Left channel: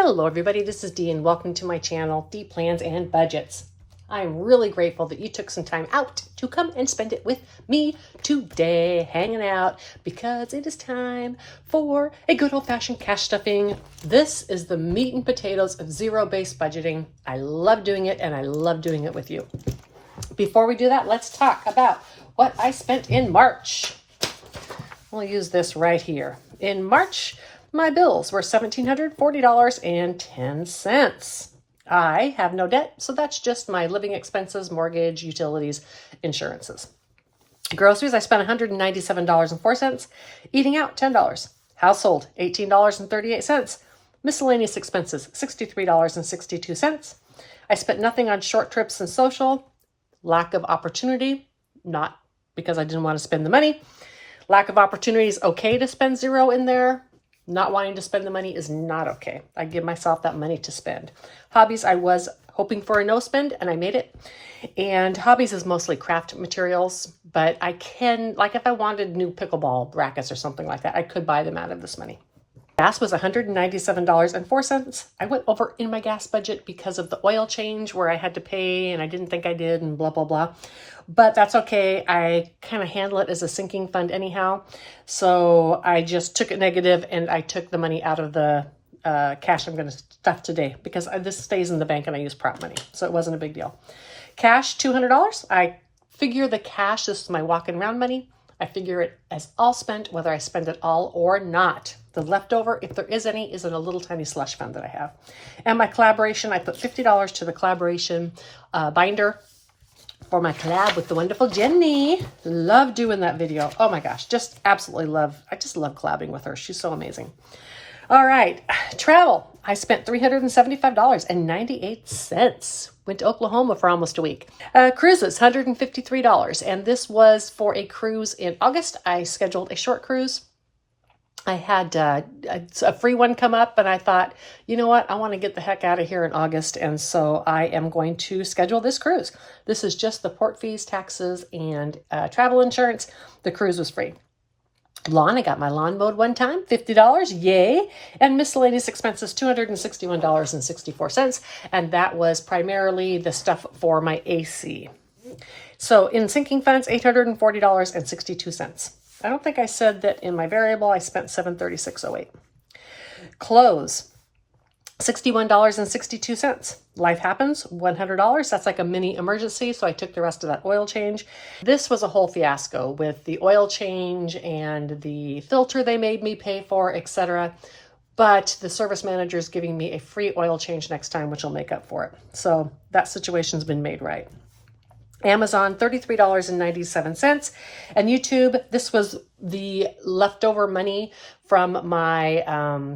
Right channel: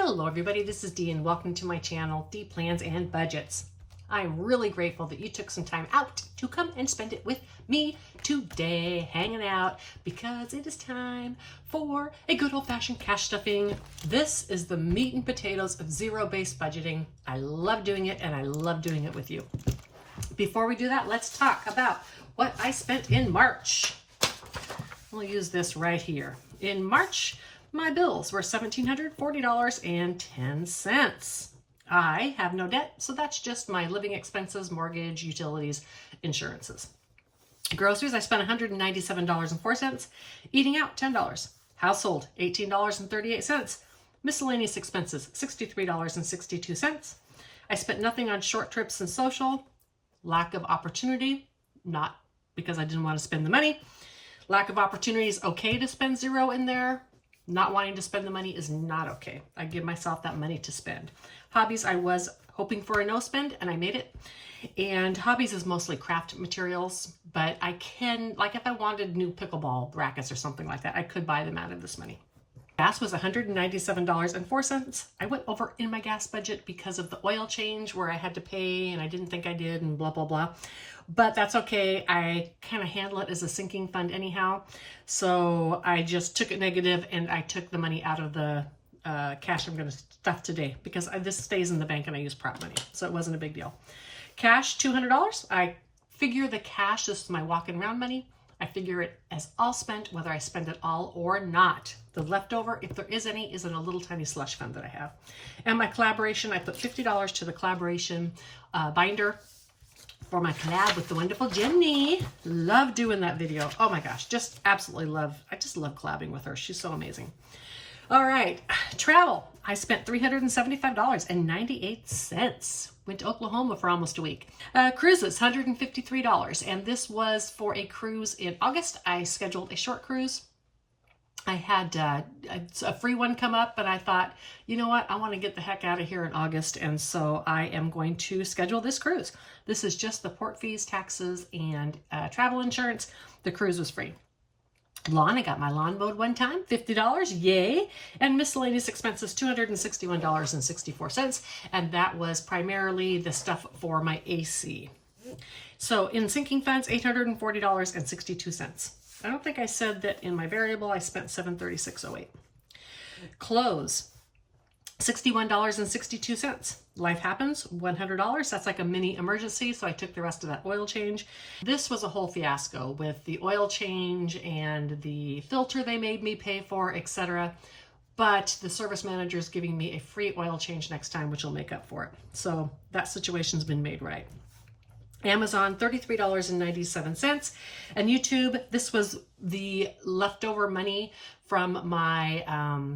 Hello everybody, this is Dee and welcome to my channel, Dee Plans and Budgets. I'm really grateful that you took some time out to come and spend it with me today, hanging out, because it is time for a good old-fashioned cash stuffing. This is the meat and potatoes of zero-based budgeting. I love doing it and I love doing it with you. Before we do that, let's talk about what I spent in March. We'll use this right here. In March, my bills were $1,740.10. I have no debt, so that's just my living expenses, mortgage, utilities, insurances. Groceries, I spent $197.04. Eating out, $10. Household, $18.38. Miscellaneous expenses, $63.62. I spent nothing on short trips and social. Lack of opportunity, not because I didn't want to spend the money. Lack of opportunity is okay to spend zero in there. Not wanting to spend the money is not okay. I give myself that money to spend. Hobbies, I was hoping for a no spend and I made it. And hobbies is mostly craft materials, but I can, like if I wanted new pickleball rackets or something like that, I could buy them out of this money. Gas was $197.04. I went over in my gas budget because of the oil change where I had to pay and I didn't think I did and blah, blah, blah. But that's okay. I kind of handle it as a sinking fund anyhow. So I just took it negative and I took the money out of the cash I'm going to stuff today because this stays in the bank and I use prop money. So it wasn't a big deal. Cash, $200. I figure the cash, this is my walking around money. I figure it as all spent, whether I spend it all or not. The leftover, if there is any, is in a little tiny slush fund that I have. And my collaboration, I put $50 to the collaboration binder for my collab with the wonderful Jenny. Love doing that video. Oh my gosh, just absolutely love. I just love collabing with her. She's so amazing. All right, travel. I spent $375.98. Went to Oklahoma for almost a week. Cruises, $153. And this was for a cruise in August. I scheduled a short cruise. I had a free one come up and I thought, you know what? I want to get the heck out of here in August. And so I am going to schedule this cruise. This is just the port fees, taxes, and travel insurance. The cruise was free. Lawn, I got my lawn mowed one time, $50, yay. And miscellaneous expenses, $261.64. And that was primarily the stuff for my AC. So in sinking funds, $840.62. I don't think I said that in my variable, I spent $736.08. Clothes, $61.62. Life happens, $100. That's like a mini emergency, so I took the rest of that oil change. This was a whole fiasco with the oil change and the filter they made me pay for, etc. But the service manager is giving me a free oil change next time, which will make up for it. So that situation's been made right. Amazon, $33.97. And YouTube, this was the leftover money from my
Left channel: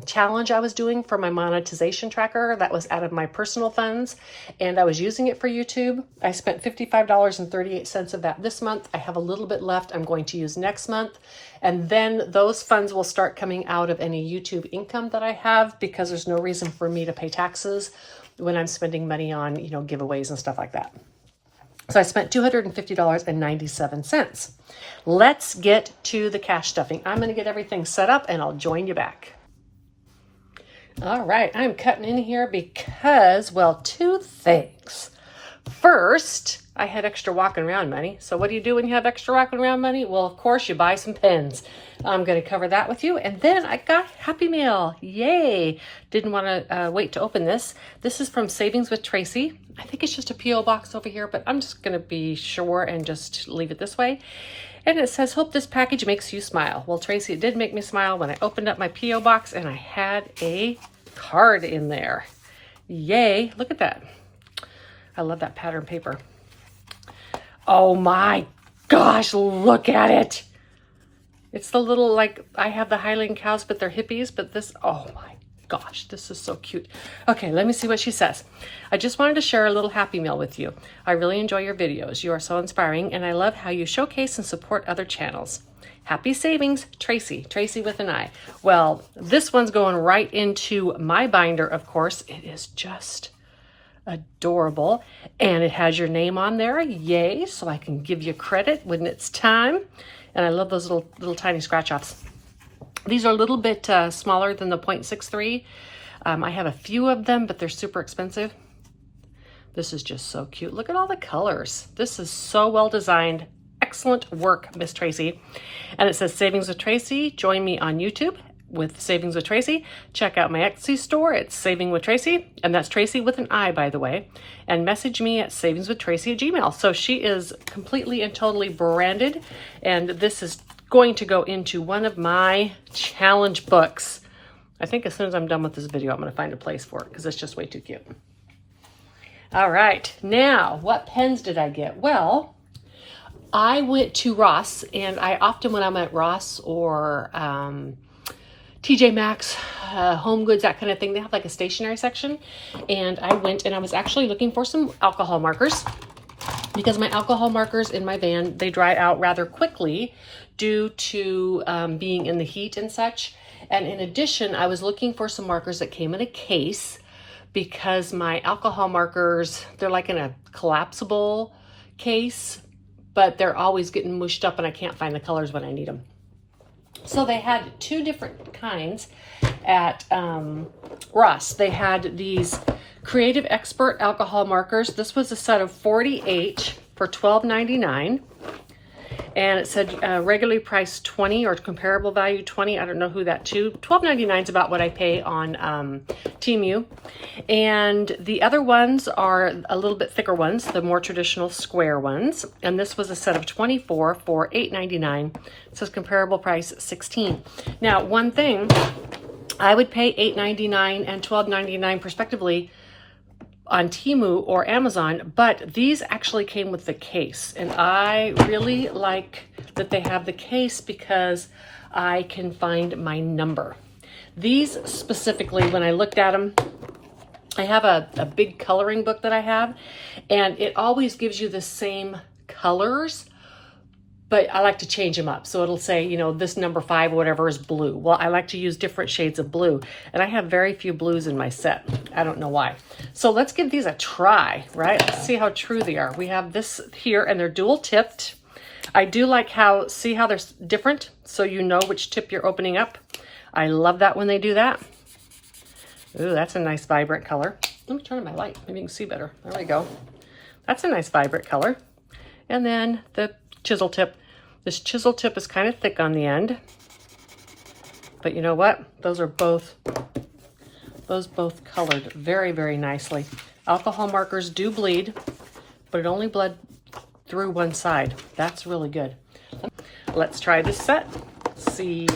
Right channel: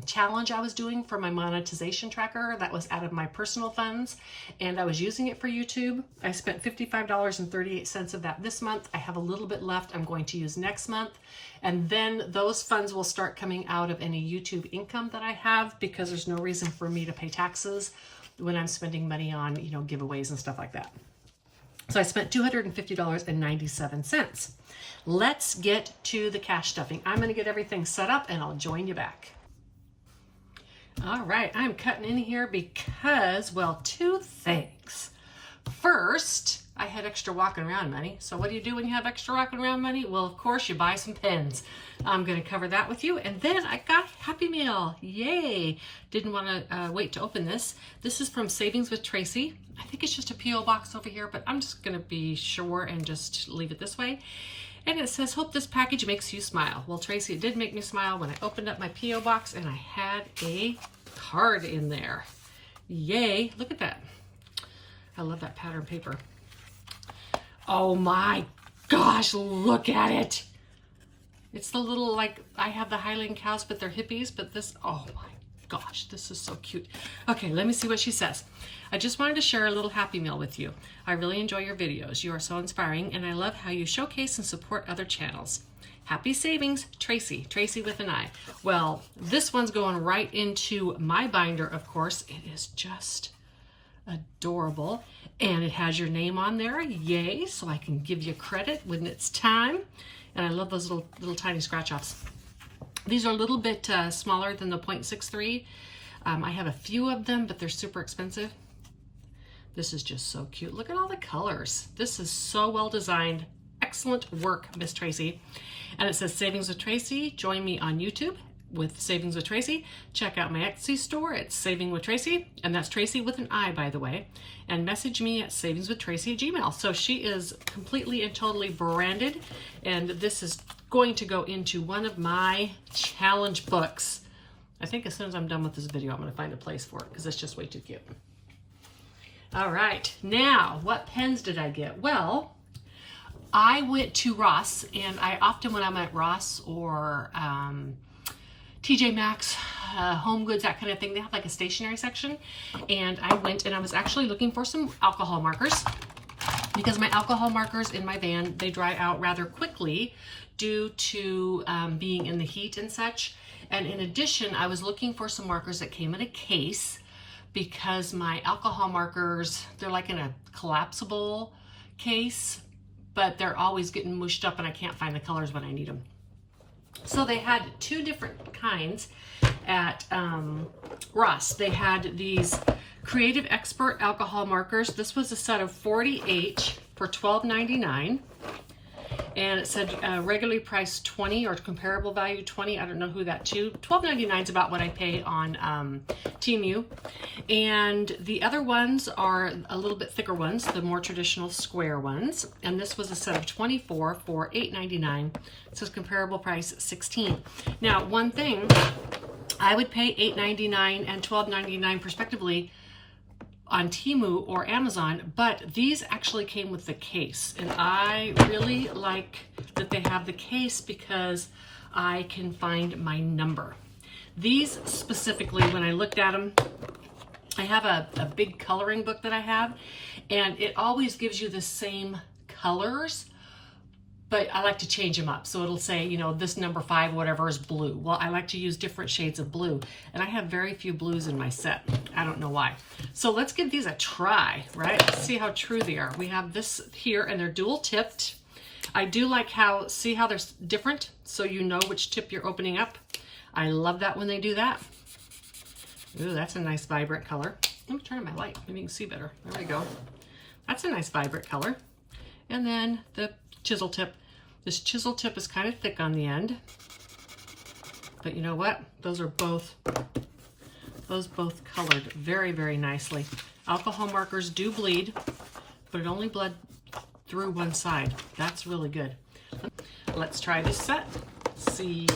challenge I was doing for my monetization tracker. That was out of my personal funds, and I was using it for YouTube. I spent $55.38 of that this month. I have a little bit left I'm going to use next month. And then those funds will start coming out of any YouTube income that I have because there's no reason for me to pay taxes when I'm spending money on, you know, giveaways and stuff like that. So I spent $250.97. Let's get to the cash stuffing. I'm going to get everything set up and I'll join you back. All right, I'm cutting in here because, well, two things. First, I had extra walking around money. So what do you do when you have extra walking around money? Well, of course, you buy some pens. I'm going to cover that with you. And then I got Happy Meal. Yay. Didn't want to wait to open this. This is from Savings with Tracy. I think it's just a P.O. box over here, but I'm just going to be sure and just leave it this way. And it says, hope this package makes you smile. Well, Tracy, it did make me smile when I opened up my P.O. box and I had a card in there. Yay. Look at that. I love that pattern paper. Oh my gosh, look at it. It's the little, like, I have the Highland cows, but they're hippies, but this, oh my gosh, this is so cute. Okay, let me see what she says. I just wanted to share a little Happy Meal with you. I really enjoy your videos. You are so inspiring, and I love how you showcase and support other channels. Happy savings, Tracy. Tracy with an I. Well, this one's going right into my binder, of course. It is just adorable, and it has your name on there. Yay, so I can give you credit when it's time. And I love those little tiny scratch offs. These are a little bit smaller than the 0.63. I have a few of them, but they're super expensive. This is just so cute. Look at all the colors. This is so well designed. Excellent work, Miss Tracy. And it says Savings with Tracy. Join me on YouTube with Savings with Tracy. Check out my Etsy store. It's Saving with Tracy, and that's Tracy with an I, by the way. And message me at savingswithtracy@gmail. So she is completely and totally branded, and this is going to go into one of my challenge books. I think as soon as I'm done with this video, I'm going to find a place for it because it's just way too cute. All right, now what pens did I get? Well, I went to Ross, and I often, when I'm at Ross or TJ Maxx, Home Goods, that kind of thing, they have like a stationery section. And I went and I was actually looking for some alcohol markers because my alcohol markers in my van, they dry out rather quickly due to being in the heat and such. And in addition, I was looking for some markers that came in a case because my alcohol markers, they're like in a collapsible case, but they're always getting mushed up and I can't find the colors when I need them. So they had two different kinds at Ross. They had these Creative Expert alcohol markers. This was a set of 48 for $12.99. And it said regularly priced $20 or comparable value $20. I don't know who that to. $12.99 is about what I pay on Temu. And the other ones are a little bit thicker ones, the more traditional square ones. And this was a set of 24 for $8.99. It says comparable price $16. Now, one thing, I would pay $8.99 and $12.99 respectively on Temu or Amazon, but these actually came with the case, and I really like that they have the case because I can find my number. These specifically, when I looked at them, I have a big coloring book that I have, and it always gives you the same colors, but I like to change them up. So it'll say, you know, this number 5 or whatever is blue. Well, I like to use different shades of blue, and I have very few blues in my set. I don't know why. So let's give these a try, right? Let's see how true they are. We have this here, and they're dual tipped. I do like how, see how they're different, so you know which tip you're opening up. I love that when they do that. Ooh, that's a nice vibrant color. Let me turn on my light, maybe you can see better. There we go. That's a nice vibrant color. And then the chisel tip. This chisel tip is kind of thick on the end, but you know what? Those both colored very, very nicely. Alcohol markers do bleed, but it only bled through one side. That's really good. Let's try this set. See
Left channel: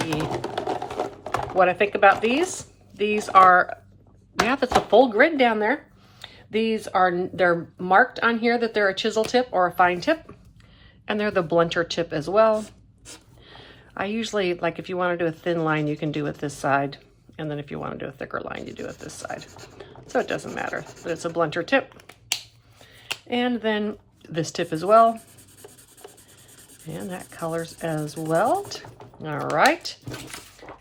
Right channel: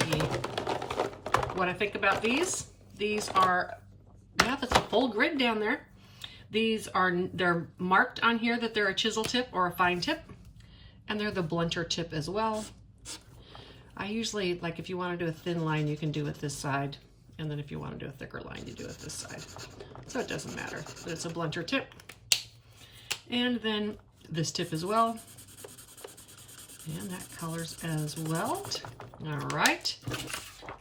what I think about these. These are, yeah, that's a full grid down there. These are, they're marked on here that they're a chisel tip or a fine tip. And they're the blunter tip as well. I usually, like if you want to do a thin line, you can do it this side. And then if you want to do a thicker line, you do it this side. So it doesn't matter, but it's a blunter tip. And then this tip as well. And that colors as well. All right.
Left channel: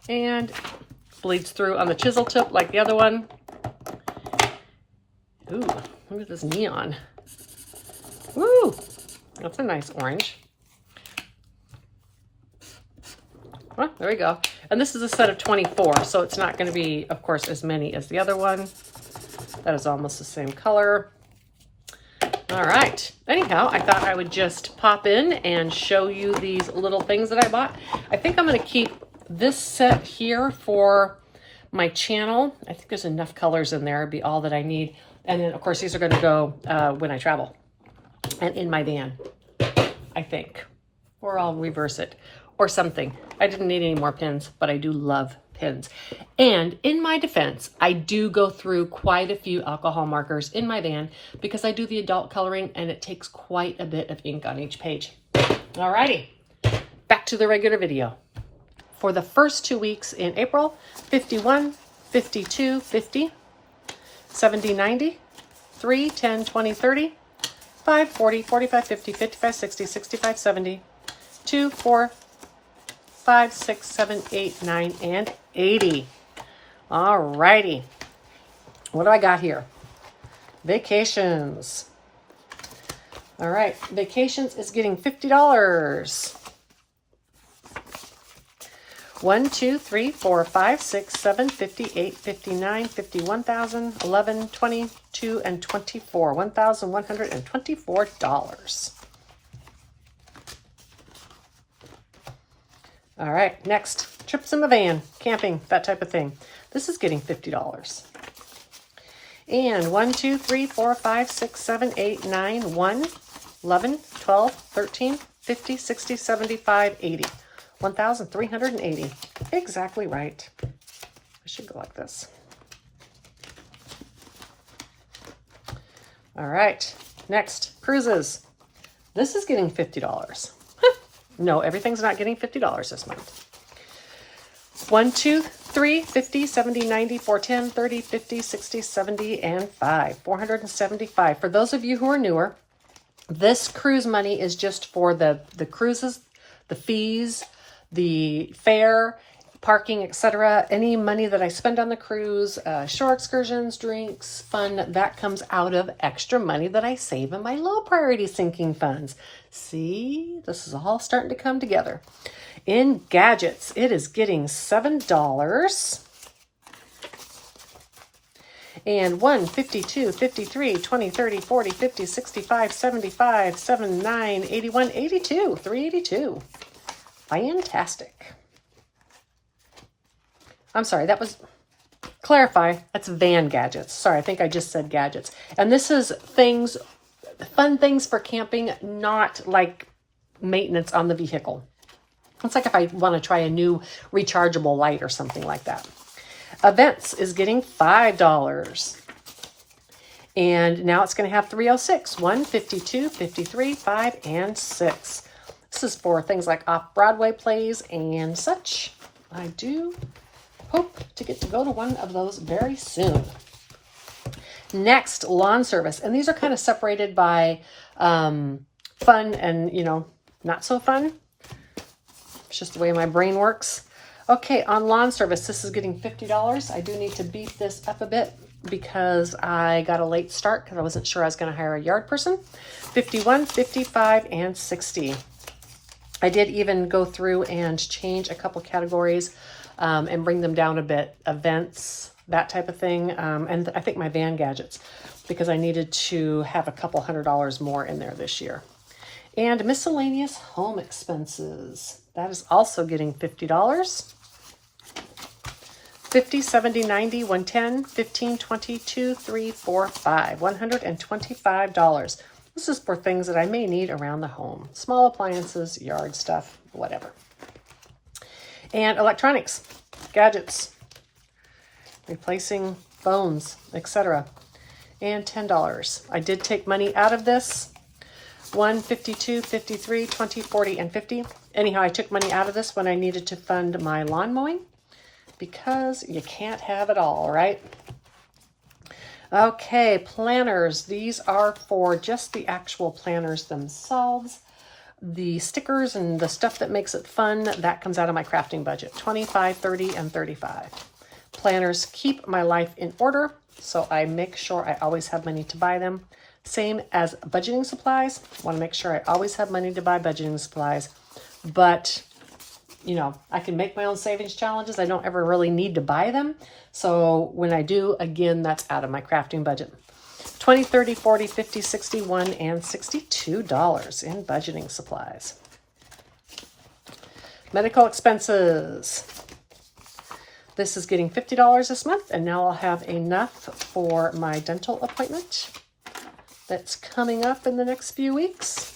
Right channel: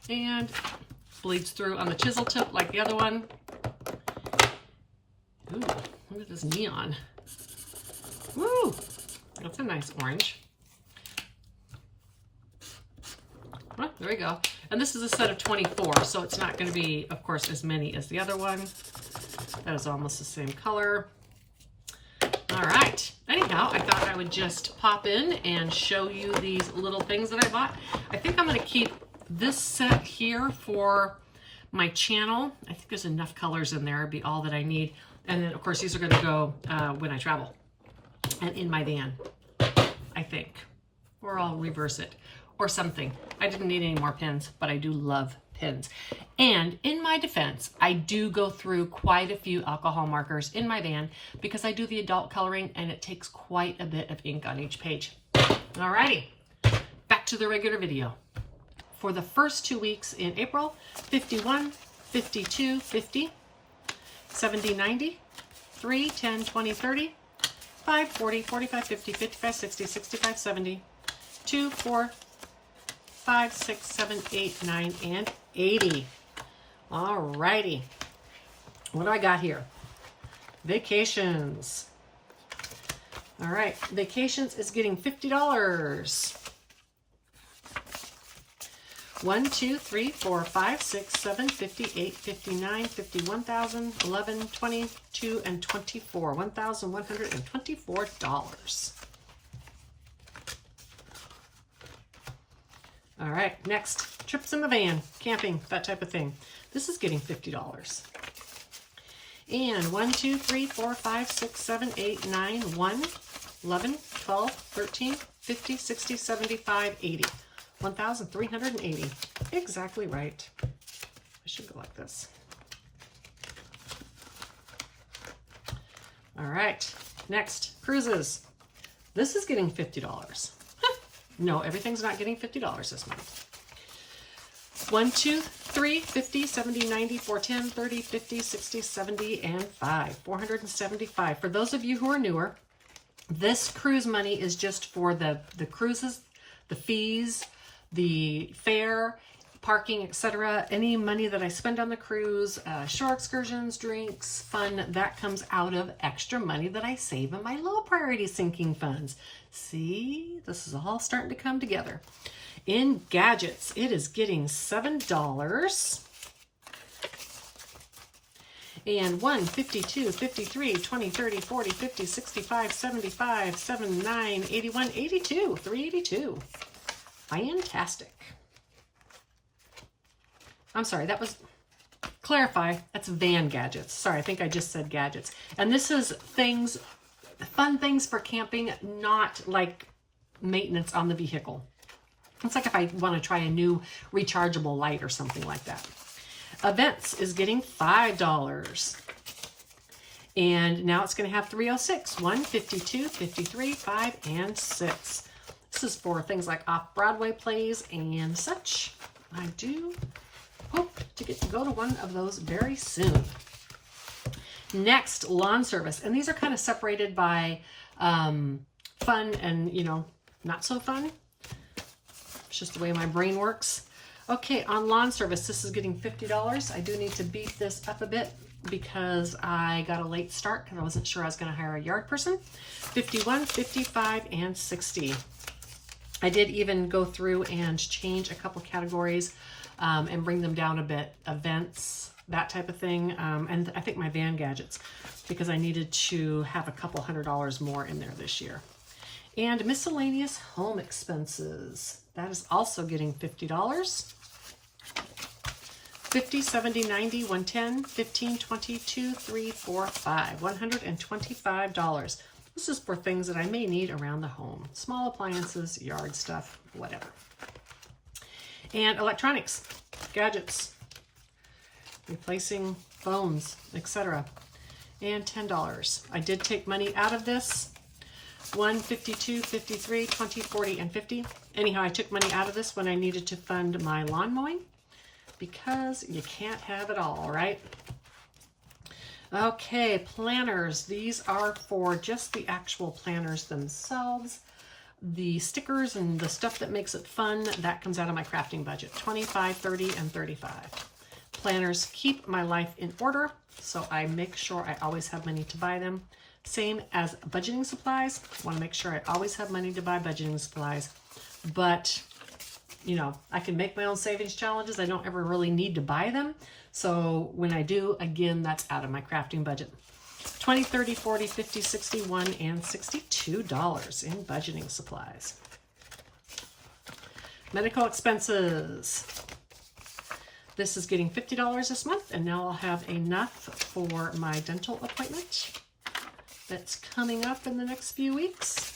And bleeds through on the chisel tip like the other one. Ooh, look at this neon. Woo! That's a nice orange. Well, there we go. And this is a set of 24, so it's not going to be, of course, as many as the other one. That is almost the same color. All right. Anyhow, I thought I would just pop in and show you these little things that I bought. I think I'm going to keep this set here for my channel. I think there's enough colors in there. It'd be all that I need. And then, of course, these are going to go when I travel. And in my van, I think. Or I'll reverse it or something. I didn't need any more pins, but I do love pins. And in my defense, I do go through quite a few alcohol markers in my van because I do the adult coloring and it takes quite a bit of ink on each page. Alrighty, back to the regular video. For the first 2 weeks in April, 51, 52, 50, 70, 90, 3, 10, 20, 30, 5, 40, 45, 50, 55, 60, 65, 70, 2, 4, 5, 6, 7, 8, 9, and 80. All righty. What do I got here? Vacations. All right. Vacations is getting $50. 1, 2, 3, 4, 5, 6, 7, 58, 59, 51,000, 11, 22, and 24. $1,124. All right, next, trips in the van, camping, that type of thing. This is getting $50. And 1, 2, 3, 4, 5, 6, 7, 8, 9, 1, 11, 12, 13, 50, 60, 75, 80. 1,380. Exactly right. I should go like this. All right, next, cruises. This is getting $50. No, everything's not getting $50 this month. 1, 2, 3, 50, 70, 90, 410, 30, 50, 60, 70, and 5. 475. For those of you who are newer, this cruise money is just for the cruises, the fees, the fare, parking, etc. Any money that I spend on the cruise, shore excursions, drinks, fun, that comes out of extra money that I save in my low priority sinking funds. See, this is all starting to come together. In gadgets, it is getting $7. And 1, 52, 53, 20, 30, 40, 50, 65, 75, 79, 81, 82, 382. Fantastic. I'm sorry, that was, clarify, that's van gadgets. Sorry, I think I just said gadgets. And this is things, fun things for camping, not like maintenance on the vehicle. It's like if I want to try a new rechargeable light or something like that. Events is getting $5. And now it's going to have 306, 1, 52, 53, 5, and 6. This is for things like off-Broadway plays and such. I do hope to get to go to one of those very soon. Next, lawn service. And these are kind of separated by fun and, you know, not so fun. It's just the way my brain works. Okay, on lawn service, this is getting $50. I do need to beef this up a bit because I got a late start because I wasn't sure I was going to hire a yard person. 51, 55, and 60. I did even go through and change a couple categories and bring them down a bit. Events, that type of thing. And I think my van gadgets, because I needed to have a couple $100 more in there this year. And miscellaneous home expenses. That is also getting $50. 50, 70, 90, 110, 15, 20, 2, 3, 4, 5. $125. This is for things that I may need around the home. Small appliances, yard stuff, whatever. And electronics, gadgets, replacing phones, etc. And $10. I did take money out of this. 1, 52, 53, 20, 40, and 50. Anyhow, I took money out of this when I needed to fund my lawn mowing because you can't have it all, right? Okay, planners. These are for just the actual planners themselves. The stickers and the stuff that makes it fun, that comes out of my crafting budget. 25, 30, and 35. Planners keep my life in order, so I make sure I always have money to buy them. Same as budgeting supplies. Want to make sure I always have money to buy budgeting supplies. But, you know, I can make my own savings challenges. I don't ever really need to buy them. So when I do, again, that's out of my crafting budget. 20, 30, 40, 50, 61, and $62 in budgeting supplies. Medical expenses. This is getting $50 this month, and now I'll have enough for my dental appointment that's coming up in the next few weeks.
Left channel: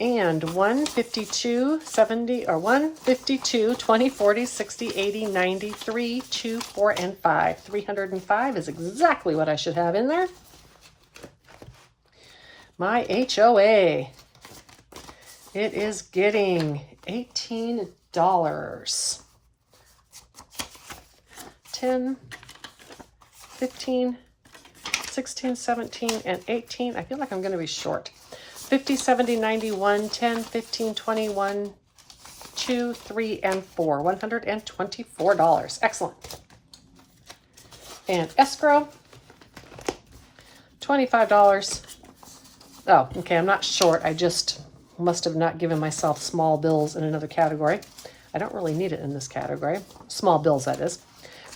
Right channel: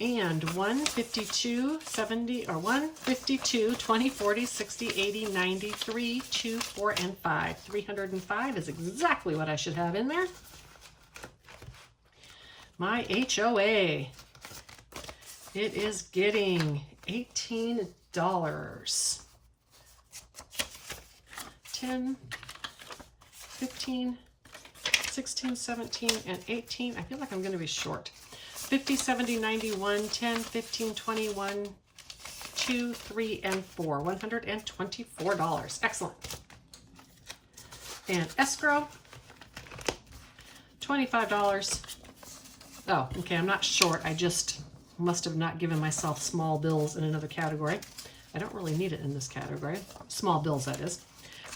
And 152, 70, or 152, 20, 40, 60, 80, 90, 3, 2, 4, and 5. 305 is exactly what I should have in there. My HOA. It is getting $18. 10, 15, 16, 17, and 18. I feel like I'm going to be short. 50, 70, 91, 10, 15, 21, 2, 3, and 4. $124. Excellent. And escrow, $25. Oh, okay, I'm not short. I just must have not given myself small bills in another category. I don't really need it in this category. Small bills, that is.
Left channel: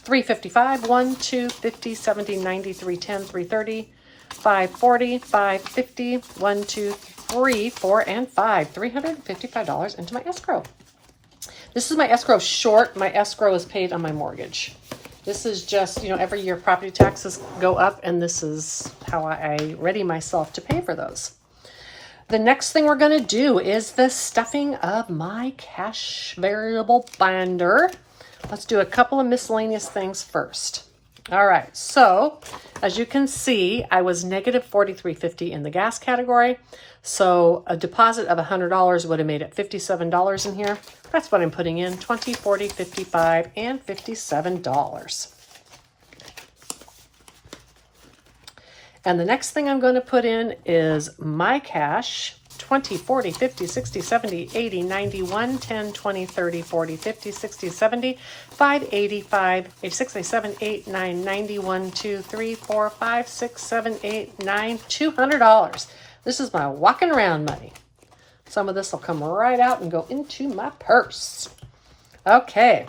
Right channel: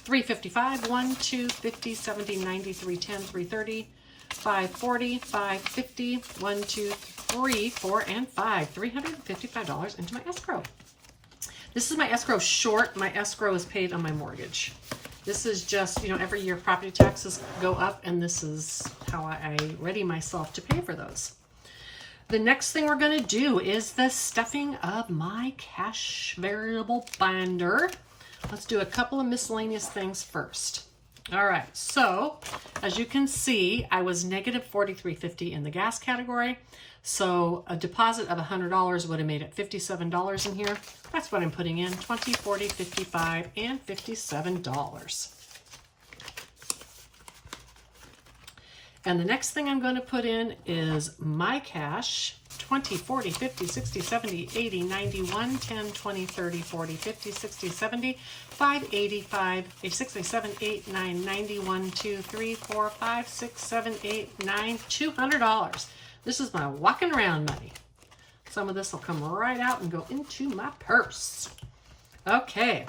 $3.55, 1, 2, 50, 70, 90, 310, 330, 540, 550, 1, 2, 3, 4, and 5. $355 into my escrow. This is my escrow short. My escrow is paid on my mortgage. This is just, you know, every year property taxes go up, and this is how I ready myself to pay for those. The next thing we're going to do is the stuffing of my cash variable binder. Let's do a couple of miscellaneous things first. All right, so as you can see, I was negative $43.50 in the gas category. So a deposit of $100 would have made it $57 in here. That's what I'm putting in, $20, $40, $55, and $57. And the next thing I'm going to put in is my cash, 20, 40, 50, 60, 70, 80, 90, 1, 10, 20, 30, 40, 50, 60, 70, 5, 85, 86, 87, 8, 9, 90, 1, 2, 3, 4, 5, 6, 7, 8, 9, $200. This is my walking around money. Some of this will come right out and go into my purse. Okay,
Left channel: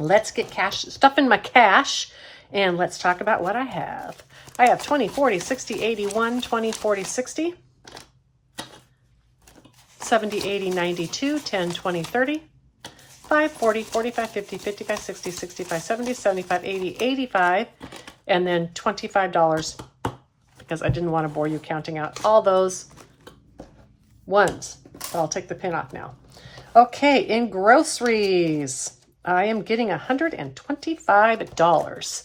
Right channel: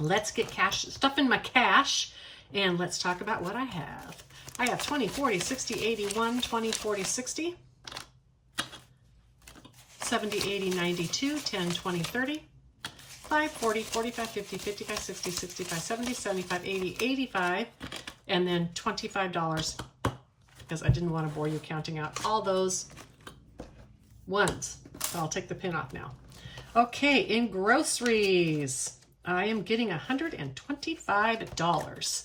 let's get stuff in my cash, and let's talk about what I have. I have 20, 40, 60, 81, 20, 40, 60, 70, 80, 92, 10, 20, 30, 5, 40, 45, 50, 55, 60, 65, 70, 75, 80, 85, and then $25 because I didn't want to bore you counting out all those ones. So I'll take the pin off now. Okay, in groceries, I am getting $125.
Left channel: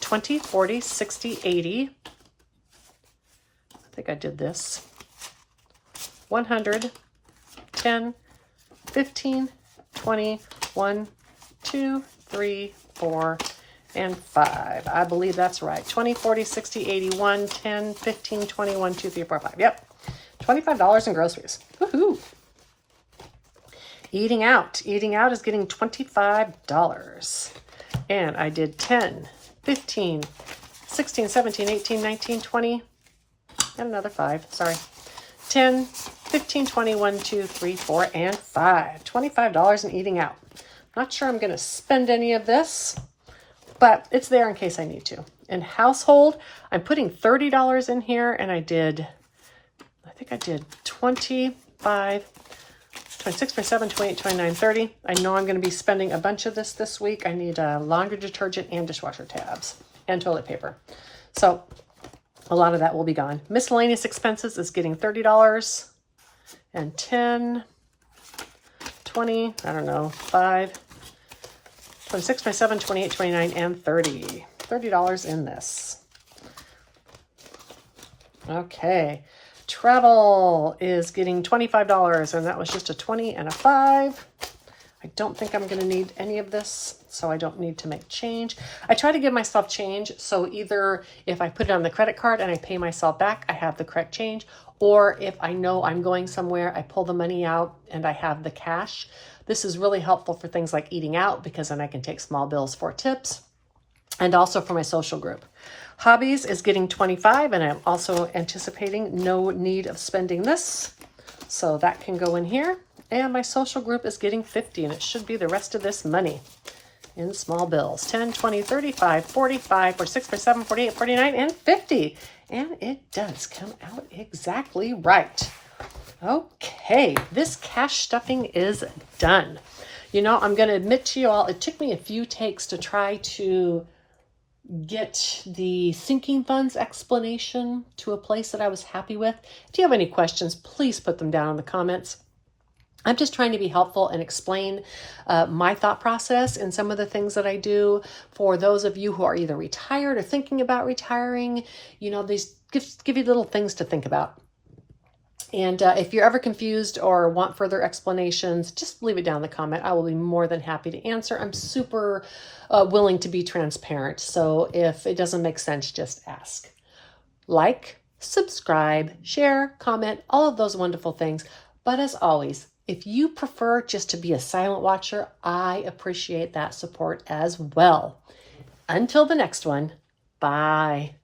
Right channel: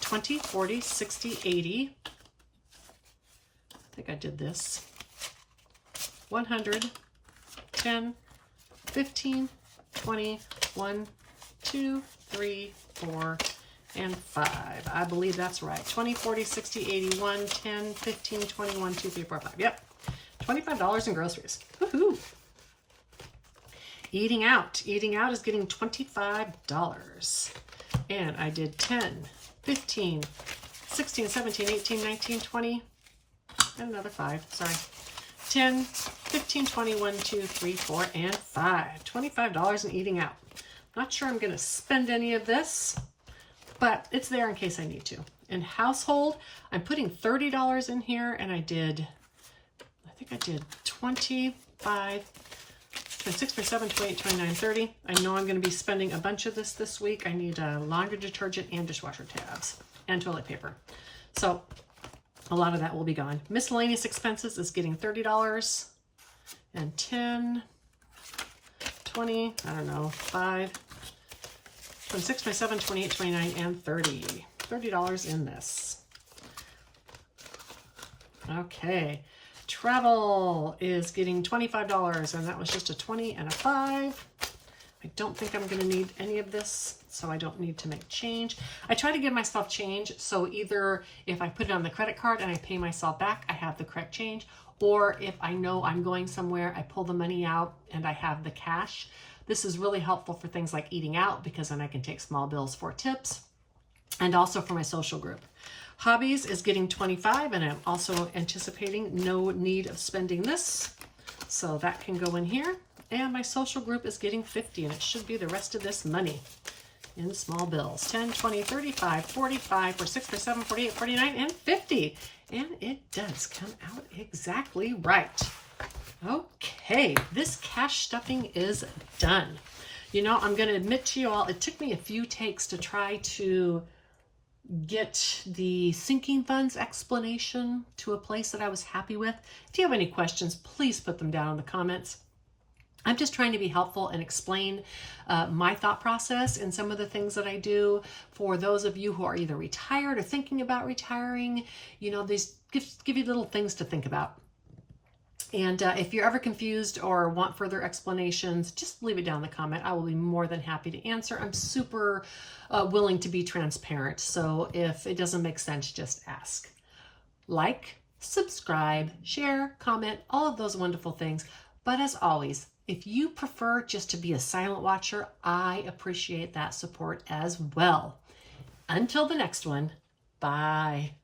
20, 40, 60, 80. I think I did this. 100, 10, 15, 20, 1, 2, 3, 4, and 5. I believe that's right. 20, 40, 60, 81, 10, 15, 20, 1, 2, 3, 4, 5. Yep. $25 in groceries. Woohoo! Eating out. Eating out is getting $25. And I did 10, 15, 16, 17, 18, 19, 20, and another 5. Sorry. 10, 15, 20, 1, 2, 3, 4, and 5. $25 in eating out. Not sure I'm going to spend any of this, but it's there in case I need to. In household, I'm putting $30 in here, and I think I did 25, 26, 27, 28, 29, 30. I know I'm going to be spending a bunch of this week. I need laundry detergent and dishwasher tabs and toilet paper. So a lot of that will be gone. Miscellaneous expenses is getting $30 and 10, 20, I don't know, 5, 26, 27, 28, 29, and 30. $30 in this. Okay. Travel is getting $25, and that was just a 20 and a 5. I don't think I'm going to need any of this, so I don't need to make change. I try to give myself change, so either if I put it on the credit card and I pay myself back, I have the correct change, or if I know I'm going somewhere, I pull the money out and I have the cash. This is really helpful for things like eating out, because then I can take small bills for tips, and also for my social group. Hobbies is getting $25, and I'm also anticipating no need of spending this, so that can go in here. And my social group is getting $50, and it should be the rest of this money in small bills. 10, 20, 35, 45, 46, 47, 48, 49, and 50. And it does come out exactly right. Okay, this cash stuffing is done. You know, I'm going to admit to you all, it took me a few takes to try to get the sinking funds explanation to a place that I was happy with. If you have any questions, please put them down in the comments. I'm just trying to be helpful and explain my thought process and some of the things that I do for those of you who are either retired or thinking about retiring. You know, these give you little things to think about. And if you're ever confused or want further explanations, just leave it down in the comment. I will be more than happy to answer. I'm super willing to be transparent. So if it doesn't make sense, just ask. Like, subscribe, share, comment, all of those wonderful things. But as always, if you prefer just to be a silent watcher, I appreciate that support as well. Until the next one, bye.